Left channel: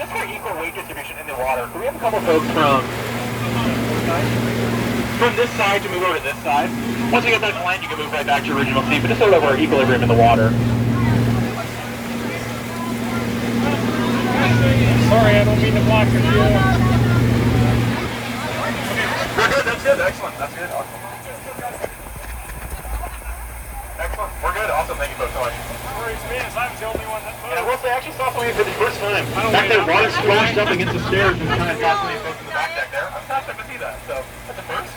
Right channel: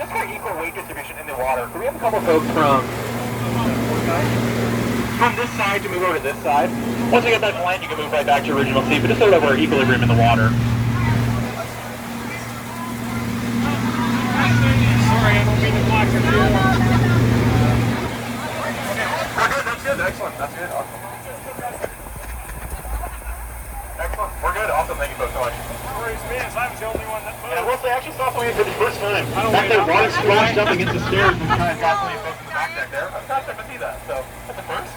just for equal weight distribution in the water. So we have a couple folks from this side to move over to this side. Once you get back to land, you can move right back to your original seat, but just so we have our equilibrium in the water. Sorry, I don't mean to block your view. That's good. Excellent. That's good. Awesome. Excellent. We're good. Awesome. Thank you folks so much. Worries me as I'm the only one that moved. Yeah, well, they actually saw something for the first time. Back there, water splashed up against the stairs and kind of got some of you folks in the back deck there. I'm kind of to see that. So that's a first.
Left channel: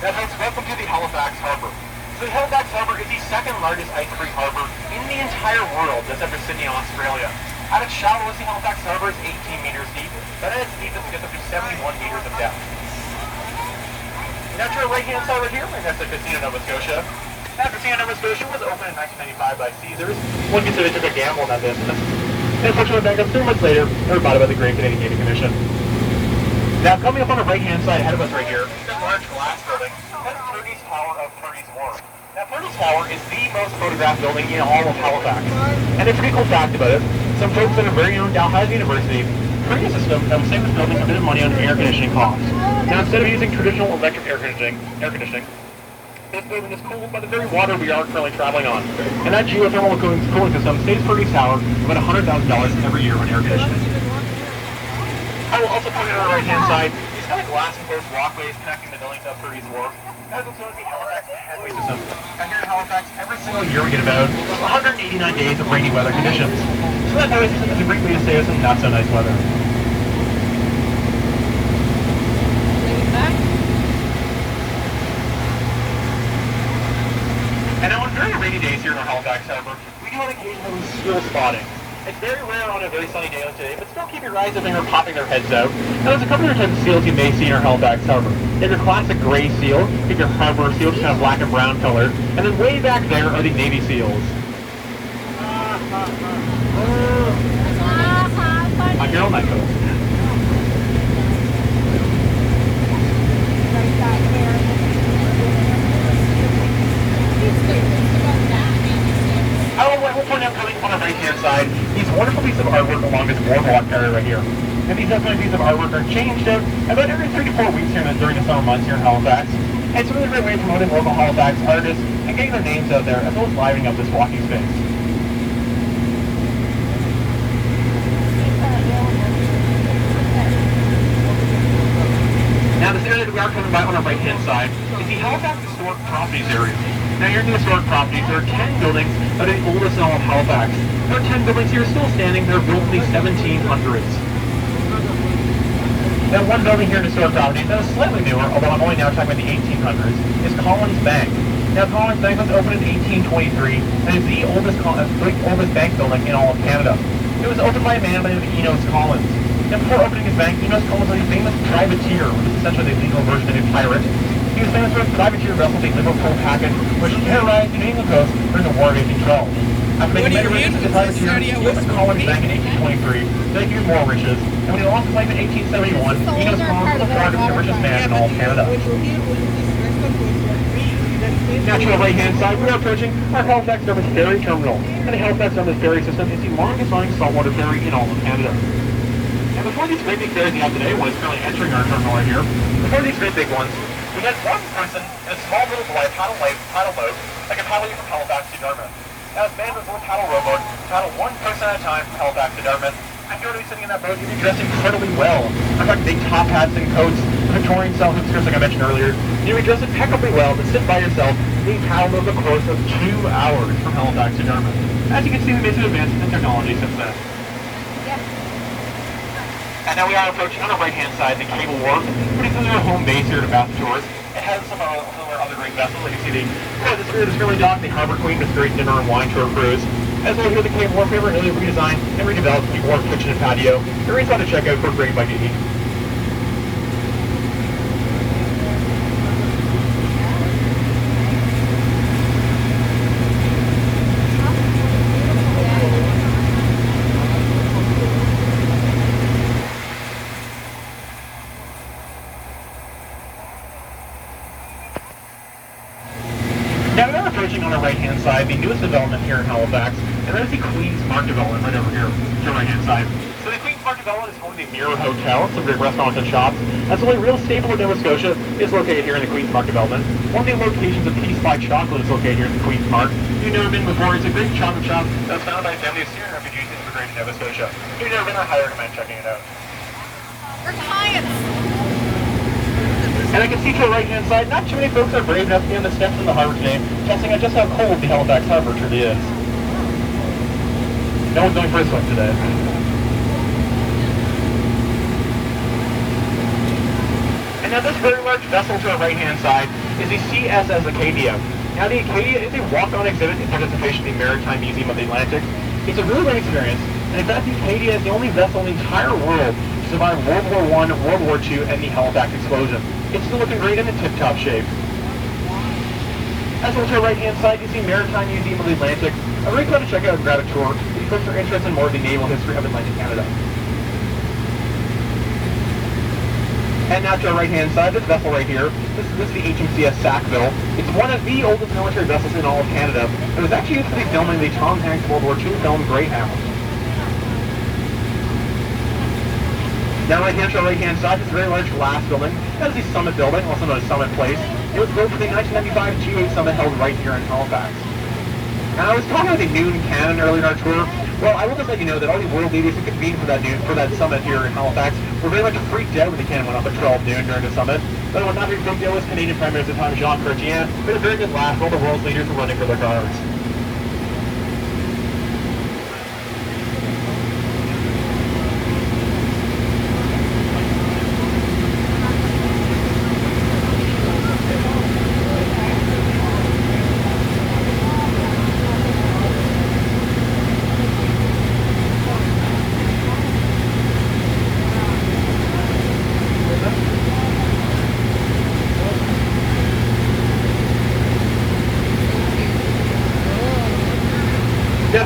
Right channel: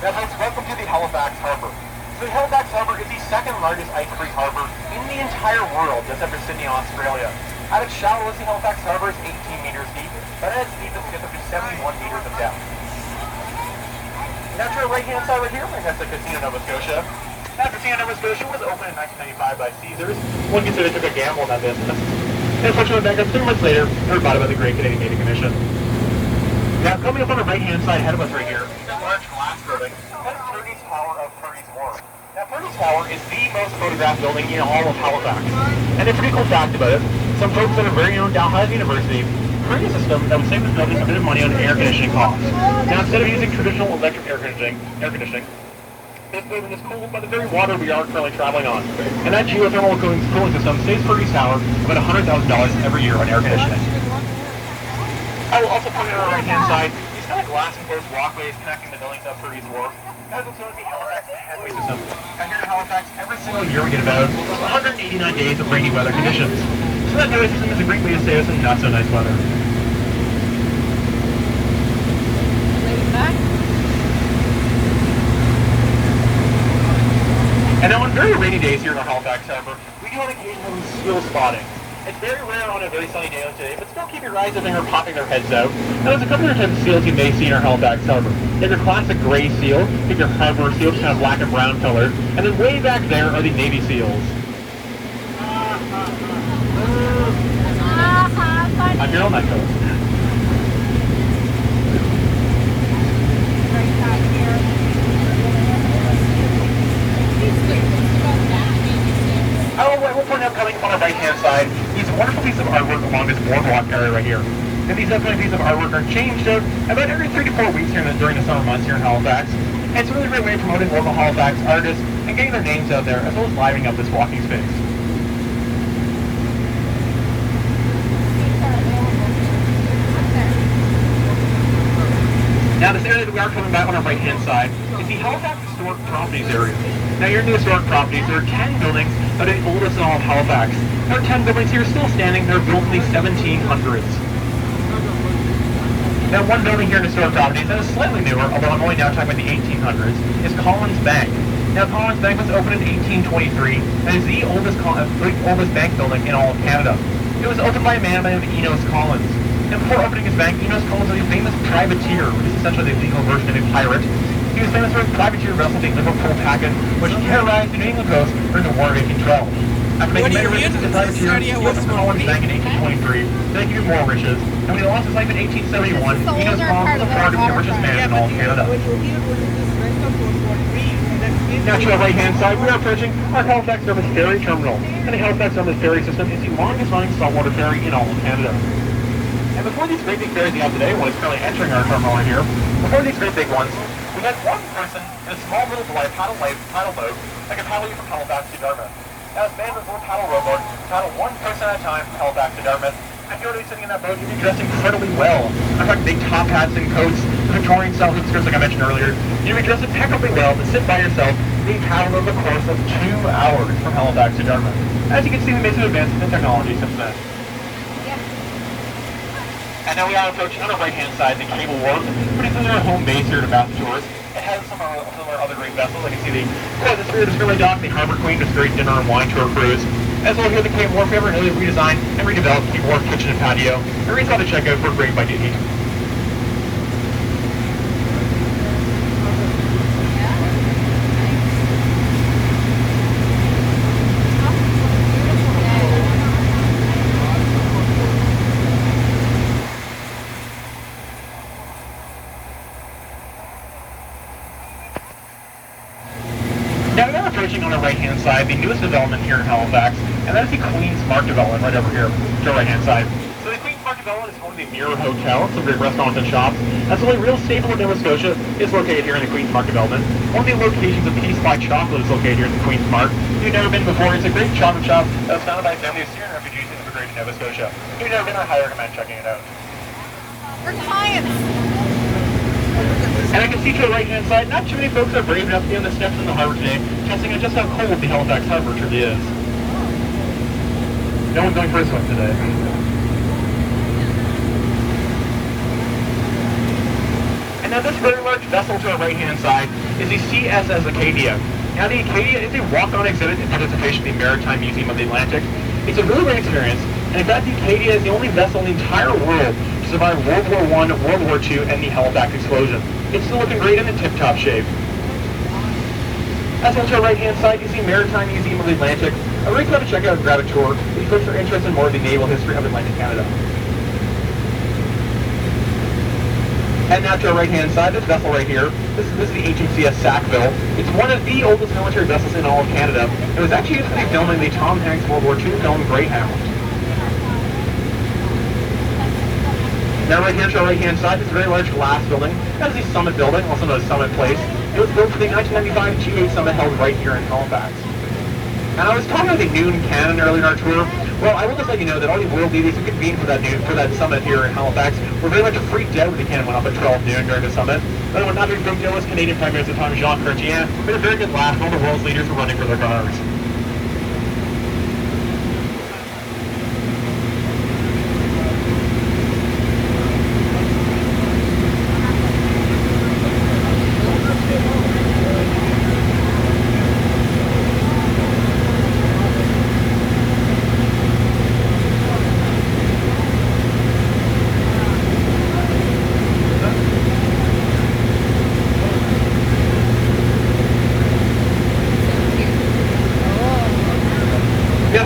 Now, folks, welcome to the Halifax Harbor. So the Halifax Harbor is the second largest ice-free harbor in the entire world, just after Sydney, Australia. At its shallowest, the Halifax Harbor is 18 meters deep, but at its deepest, it gets up to 71 meters of depth. Now to our right-hand side right here, that's the Casino Nova Scotia. Now, Casino Nova Scotia was opened in 1995 by Caesars. One can say they took a gamble on that business. They unfortunately back up 3 months later, they were bought by the Great Canadian Gaming Commission. Now, coming up on the right-hand side ahead of us right here, a large glass building. That's Purdy's Tower of Purdy's Wharf. Now, Purdy's Tower is the most photographed building in all of Halifax. And a pretty cool fact about it, some folks that are very own Dalhousie University created a system that would save us a bit of money on air conditioning costs. Now, instead of using traditional electric air conditioning, this building is cooled by the very water we are currently traveling on. And that geothermal cooling system saves Purdy's Tower about $100,000 every year on air conditioning. I will also point out on the right-hand side, these kind of glass-encased walkways connecting the buildings up Purdy's Wharf. That is also the Halifax headway system. And here in Halifax, every single year we get about 189 days of rainy weather conditions. So that headway system is a great way to stay us in not so nice weather. And now on very rainy days here in the Halifax Harbor, we do on occasion school spawning. It's very rare on a very sunny day like today, but still keep your eyes open or popping their heads out. Now there's a couple of types of seals you may see in our Halifax Harbor. You have your classic gray seal, you have your harbor seal, just kind of black and brown color, and then way back there are the Navy seals. I'm here on that coast. We'll point out coming up on the right-hand side, these wonderful pieces of artwork along this boardwalk area right here. And these pieces of artwork are changed out about every 3 to 4 weeks here during the summer months here in Halifax. And it's a really great way of promoting local Halifax artists and getting their names out there, as well as livening up this walking space. Now, this area that we are coming by on the right-hand side is the Halifax Historic Properties area. Now, here in the historic properties, there are 10 buildings that are the oldest in all of Halifax. There are 10 buildings here still standing. They're built in the 1700s. Now, one building here in historic properties that is slightly newer, although I'm only now talking about the 1800s, is Collins Bank. Now, Collins Bank was opened in 1823 and is the oldest bank building in all of Canada. It was opened by a man by the name of Enos Collins. And before opening his bank, Enos Collins was a famous privateer, which is essentially the legal version of a pirate. He was famous for his privateer vessel, the Liverpool Packet, which terrorized the Canadian coast during the War of 1812. After making many riches as a privateer, he went to Collins Bank in 1823, then he more riches, and when he lost his life in 1871, Enos Collins was the third richest man in all of Canada. Now to the right-hand side, we're approaching our Halifax Surface Ferry Terminal. And the Halifax Surface Ferry system is the longest running saltwater ferry in all of Canada. And before these great big ferries go up today, one is currently entering our terminal right here. Before these great big ones, we had one person in a small little boy paddle boat that could paddle you from Halifax to Dartmouth. Now, this man was a little paddle rowboat, paddle one person at a time from Halifax to Dartmouth. After already sitting in that boat, you'd be dressed incredibly well. In fact, big top hats and coats, Victorian style skirts like I mentioned earlier. You'd be dressed impeccably well to sit by yourself and be paddled over the course of 2 hours from Halifax to Dartmouth. As you can see, there's been advances in technology since then. And now we are approaching on the right-hand side the Cable Wharf, pretty close to our home base here at Bath Shores. It has some of our other great vessels. I can see the Skirley Dock, the Harbor Queen, this great dinner and wine tour cruise. As well as the Cable Wharf, ever really redesigned and redeveloped the wharf kitchen and patio. Everybody's got to check out for a great bite to eat. Now we are approaching on the right-hand side the newest development here in Halifax, And that's the Queen's Mark development right over here, to your right-hand side. So the Queen's Mark development is one of the Mirror Hotels, some great restaurants and shops. That's the only real staple of Nova Scotia is located here in the Queen's Mark development. One of the locations of Peace by Chocolate is located here in the Queen's Mark. If you've never been before, it's a great chocolate shop that was founded by a family of Syrian refugees immigrating to Nova Scotia. If you've never been, I highly recommend checking it out. We're clients. And I can see to the right-hand side, not too many folks are brave enough to be on the steps in the harbor today, testing out just how cold the Halifax harbor truly is. No one's going for a swim today. And now this very large vessel to the right-hand side is the CSS Acadia. Now the Acadia is a walk-on exhibit in participation in the Maritime Museum of the Atlantic. It's a really great experience, and in fact the Acadia is the only vessel in the entire world to survive World War I, World War II, and the Halifax explosion. It's still looking great in the tip-top shape. As well to our right-hand side, you see Maritime Museum of the Atlantic. I really want to check out and grab a tour if you're interested in more of the naval history of Atlantic Canada. And now to our right-hand side, this vessel right here, this is the HMCS Sackville. It's one of the oldest military vessels in all of Canada. It was actually used to be filming the Tom Hanks World War II film Greyhound. Now right here to our right-hand side, this very large glass building. That's the Summit Building, also known as Summit Place. It was built for the 1995 G8 Summit held right here in Halifax. And I was talking about the noon cannon earlier in our tour. Well, I will just let you know that all the world leaders who convened for that summit here in Halifax were very much freaked out when the cannon went off at 12 noon during the summit. But on top of the was Canadian Prime Minister Jean Cartier. It was very good laugh. All the world's leaders were running for their cars.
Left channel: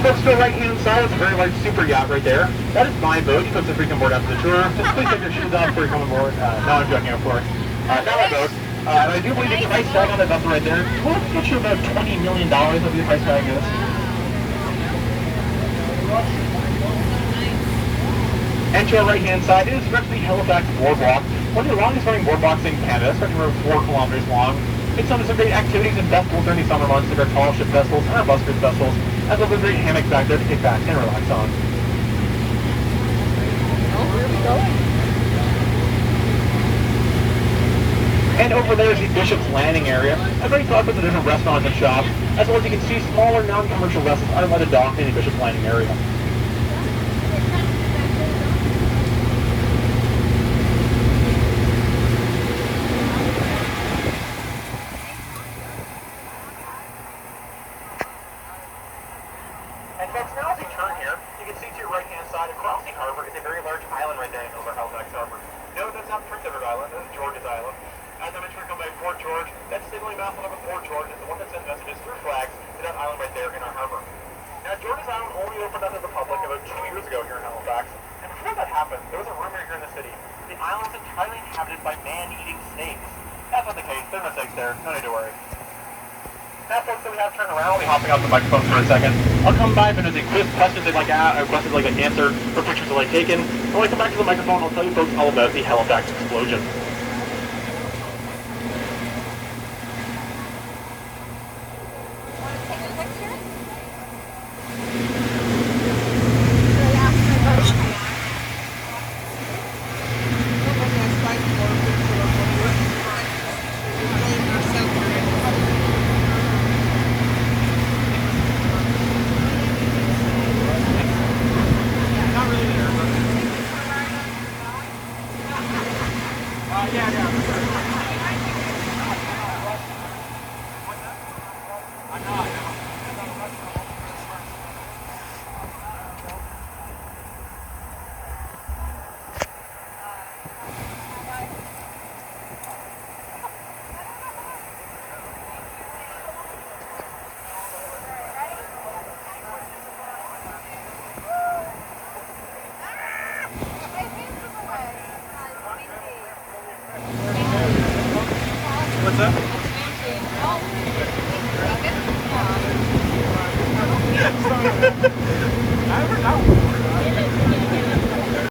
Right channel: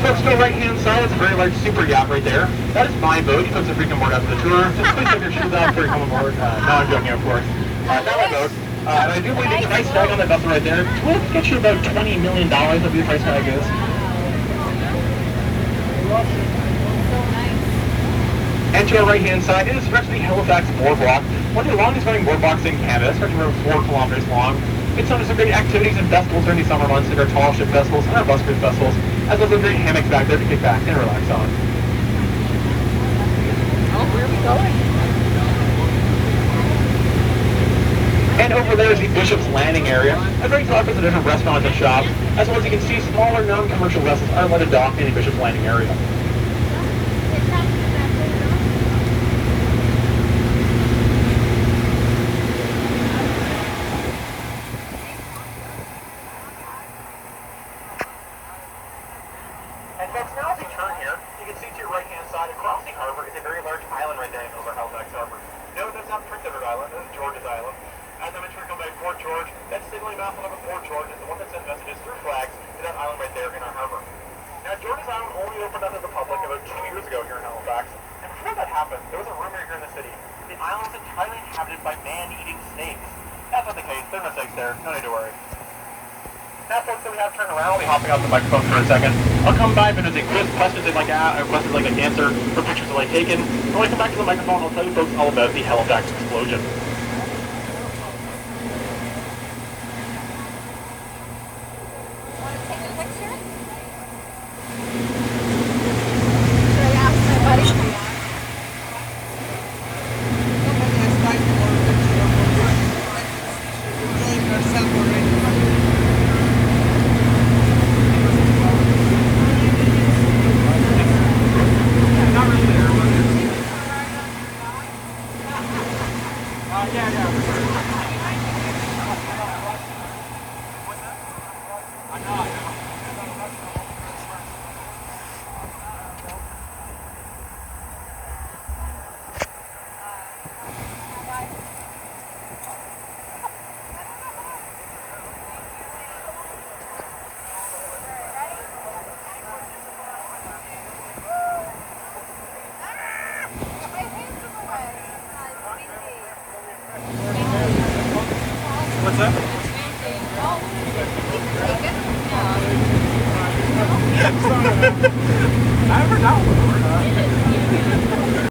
Folks, to the right-hand side, it's a very large super yacht right there. That is my boat. Puts a freaking word up the tour. Just please have your shoes on for a coming board. No, I'm joking, of course. Now my boat. But I do believe the price tag on that vessel right there will get you about $20 million of your price tag is. And to our right-hand side is actually Halifax Boardwalk, one of the longest running boardwalks in Canada. It's about 4 kilometers long. It's some of the great activities and festivals during the summer months, like our tall ship festivals and our bus cruise festivals, as well as a great hammock back there to kick back and relax on. And over there is the Bishop's Landing area, a very talk with the different restaurants and shops, as well as you can see smaller non-commercial vessels are allowed to dock in the Bishop's Landing area. Folks, now if you turn here, you can see to your right-hand side across the harbor is a very large island right there over Halifax Harbor. No, that's not Prince Edward Island, that's George's Island. As I mentioned, we're coming by Fort George. That signaling mast on Fort George is the one that sends messages through flags to that island right there in our harbor. Now, George's Island only opened up to the public about 2 years ago here in Halifax. And before that happened, there was a rumor here in the city. The island was entirely inhabited by man-eating snakes. That's not the case. There are no snakes there. No need to worry. Now, folks, that we have turned around, I'll be hopping off the microphone for a second. I'll come by if there's a quiz question like an answer for pictures that I've taken. When I come back to the microphone, I'll tell you folks all about the Halifax explosion. Want to take a picture? What's that? I forgot.